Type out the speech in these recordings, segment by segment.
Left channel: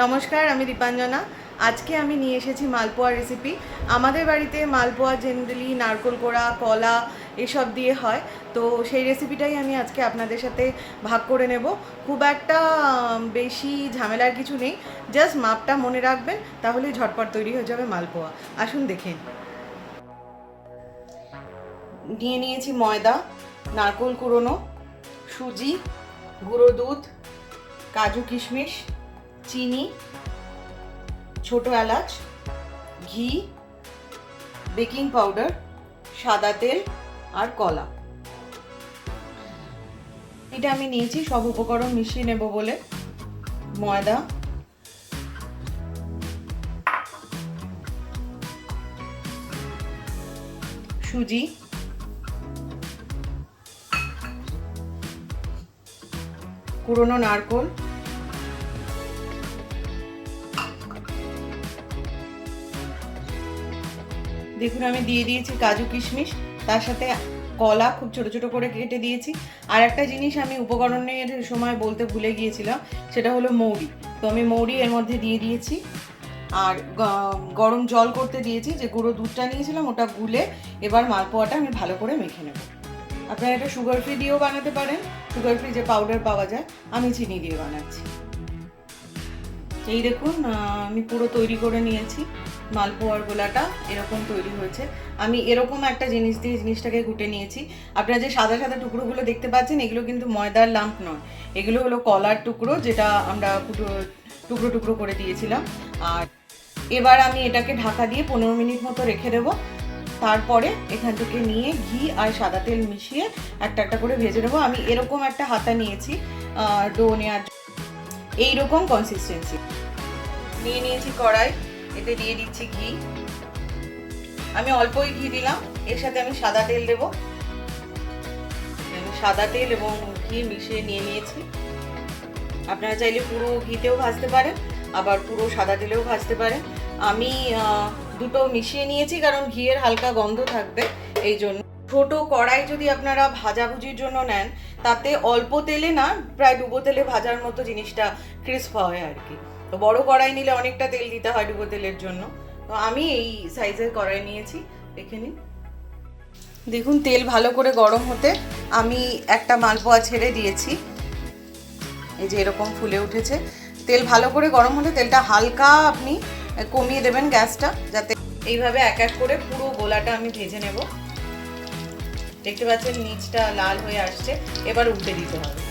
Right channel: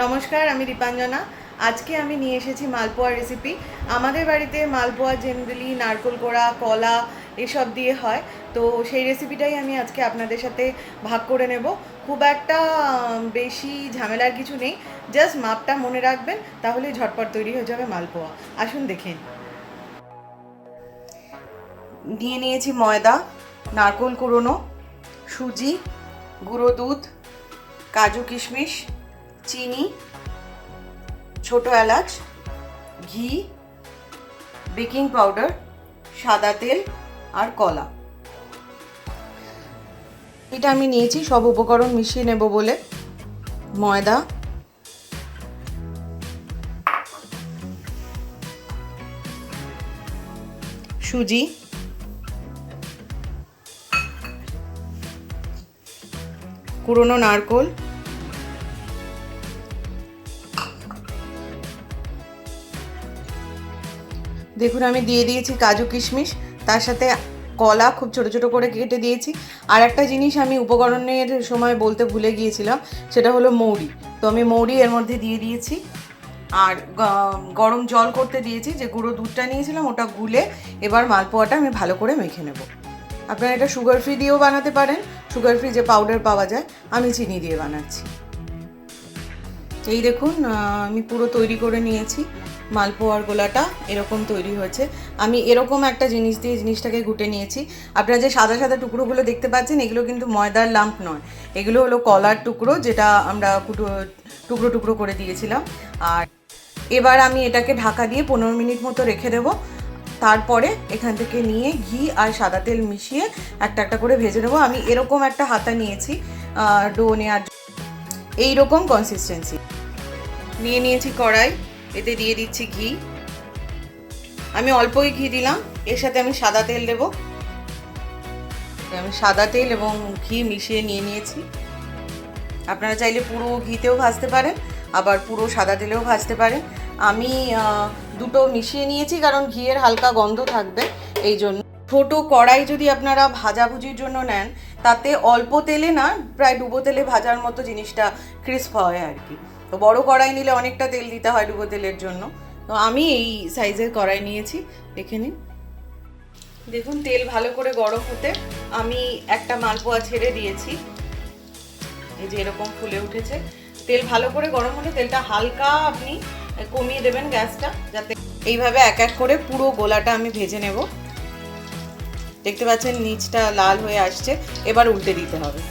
নমস্কার, আমি দীপাঞ্জনা। আজকে আমি নিয়ে এসেছি মালপোয়া রেসিপি। আমাদের বাড়িতে মালপোয়া জেনারেলি নারকেল কোড়া, কলা এসব দিয়ে হয়। তো সেই রেসিপিটাই আমি আজকে আপনাদের সাথে ভাগ করে নেব। খুব একটা বেশি ঝামেলার কিছু নেই, জাস্ট মাপটা মনে রাখবেন, তাহলেই ঝটপট তৈরি হয়ে যাবে মালপোয়া। আসুন দেখেন। নিয়ে নিয়েছি ময়দা, নারকেল কুড়োনো, সুজি, গুঁড়ো দুধ, কাজু কিশমিশ, চিনি, ছোটো এলাচ, ঘি, বেকিং পাউডার, সাদা তেল আর কলা। এটা আমি নিয়েছি সব উপকরণ মিশিয়ে নেব বলে। ময়দা, সুজি, কুড়োনো নারকেল, দেখুন আমি দিয়ে দিয়েছি কাজু কিশমিশ, তার সাথে কলা খুব ছোট ছোট করে কেটে দিয়েছি। আর একটা জিনিস আমি উপকরণের সময় বলতে ভুলে গিয়েছিলাম, সেটা হলো মৌরি। তো আমি মৌরি এর মধ্যে দিয়ে দিয়েছি। আর গরম জল করতে দিয়েছি, যে গুঁড়ো দুধটা নিয়েছিলাম ওটা গুলে এবার মালপোয়াটা আমি ভালো করে মেখে নেব। আপনারা এটা সুগার ফ্রি দিয়েও বানাতে পারেন, সুগার ফ্রি যে পাউডার পাওয়া যায়, আমি চিনি দিয়ে বানাচ্ছি। এই দেখুন আমি পুরো তৈরি করে নিয়েছি। মালপোয়ার গোলাটা এরকম তৈরি হয়েছে। আমি এরকম একটা জিনিস দিয়ে জিনিসটাকে ঘুটে নিয়েছি। আপনারা যে সাদা সাদা টুকরোগুলো দেখতে পাচ্ছেন, এগুলো কিন্তু ময়দার লাম্প নয়, এগুলো হলো কলার টুকরো, যেটা আমরা টুকরো টুকরো করে দিয়েছিলাম। আর এবার আমি এটাকে ঢাকা দিয়ে 15 মিনিট মতো রেখে দেবো। তারপরে এখান থেকে নিয়ে ঘি আর সাদা তেল মিশিয়ে একটা একটা করে ভেজে নেবো। আমি এরকম একটা হাতা নিয়েছি ডো নেওয়ার, এইরকম কনসিস্টেন্সি নিয়ে নিয়েছি। কড়াই, এতে দিয়ে দিচ্ছি ঘি। আমি অল্পই ঘি দিলাম, এর সাথে আমি সাদা তেল দেবো। আমি সাদা তেল এবং ঘি মিশিয়ে নিয়ে নিয়েছি। আপনারা চাইলে পুরো ঘিতেও ভাজতে পারেন, আবার পুরো সাদা তেলেও ভাজতে পারেন। আমি দুটো মিশিয়ে নিয়েছি, কারণ ঘিয়ের হালকা গন্ধ থাকবে এই জন্য। ছোটো কড়াই যদি আপনারা ভাজাভুজির জন্য নেন, তাতে অল্প তেলে না, প্রায় ডুবো তেলে ভাজার মতো জিনিসটা ক্রিস্প হয় আর কি। তো বড় কড়াই নিলে অনেকটা তেল দিতে হয় ডুবো তেলের জন্য। তো আমি এই সাইজের কড়াই নিয়েছি, দেখে নিন। দেখুন তেল ভালো করে গরম হতে আমি একটা মালপোয়া ছেড়ে দিয়েছি। এই যে এরকম ফুলে উঠেছে। তেল ভালো করে গরম হলে তেলটা হালকা আপনি কমিয়ে দেবেন গ্যাসটা, যাতে এইভাবে এক এক করে পুরো গোলাটা আমি ভেজে নেব। দেখতে পাচ্ছেন নিচটা লাল হয়ে আসছে, এবার উল্টে দিতে হবে।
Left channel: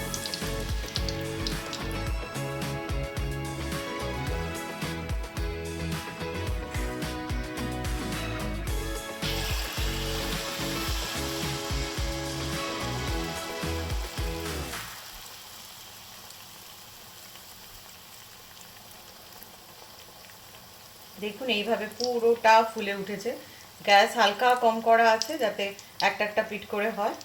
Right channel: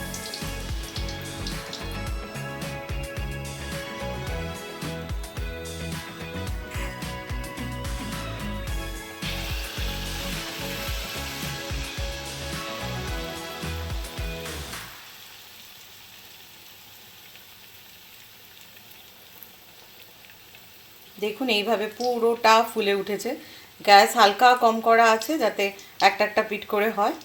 দেখুন এইভাবে পুরোটা ফুলে উঠেছে। গ্যাস হালকা কম করা আছে, যাতে একটা একটা পিঠ করে হয়।